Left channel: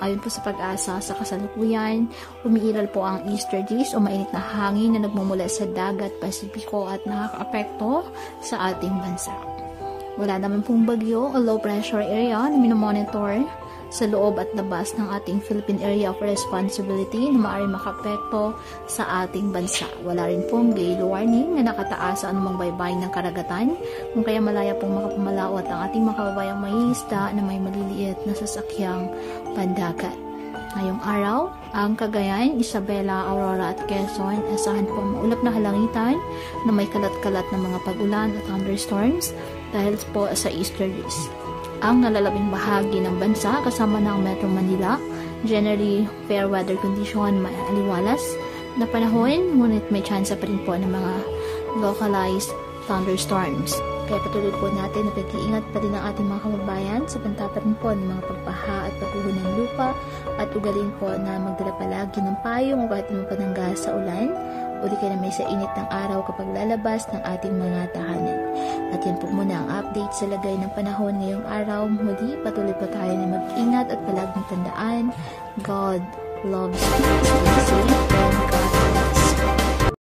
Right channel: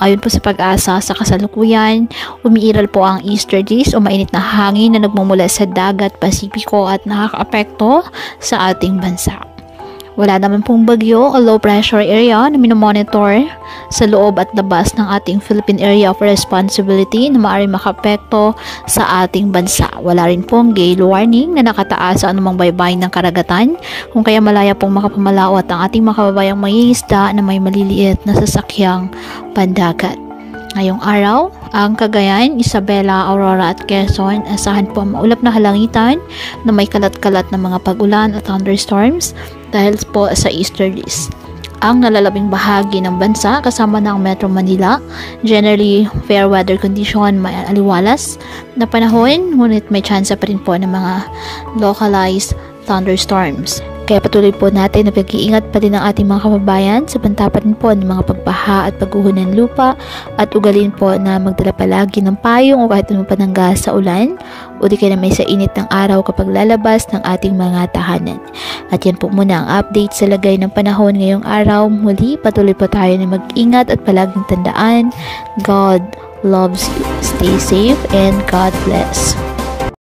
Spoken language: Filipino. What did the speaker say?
Ayon po sa Pag-asa, sa kasalukuyan, umiiral po ang easterlies o mainit na hangin na nagmumula sa dagat Pasipiko at nakakaapekto sa ating bansa. Wala naman pong bagyo o low pressure area na minomonitor sa loob at labas ng ating Philippine Area of Responsibility na maaaring makapekto sa ating bansa. Wala rin pong gale warning na nakataas sa anumang baybayin ng karagatan, kung kaya malaya pong makapamalaot ang ating mga kababayang mangingisda na may maliliit na sasakyang pandagat. Ngayong araw, ang Cagayan, Isabela, Aurora at Quezon, asahan po ang maulap na halangitan na may kalat-kalat na mga pag-ulan at thunderstorms dahil po sa easterlies. Ang nalalabing bahagi ng bansa kasama ng Metro Manila, generally fair weather condition, may aliwalas na panahon, ngunit may tsansa pa rin po ng mga localized thunderstorms. Kaya patuloy po natin na pag-iingat pa din ang ating mga kababayan sa pantapan po ng mga pagbaha at pagguho ng lupa at ugalin po na magdala palagi ng payong o kahit ano panangga sa ulan o di kaya may sa init ng araw kapag lalabas ng ating mga tahanan. At yan po muna ang update sa lagay ng panahon ngayong araw. Muli, patuloy po tayo na mag-ingat at palaging tandaan, God loves you. Stay safe and God bless.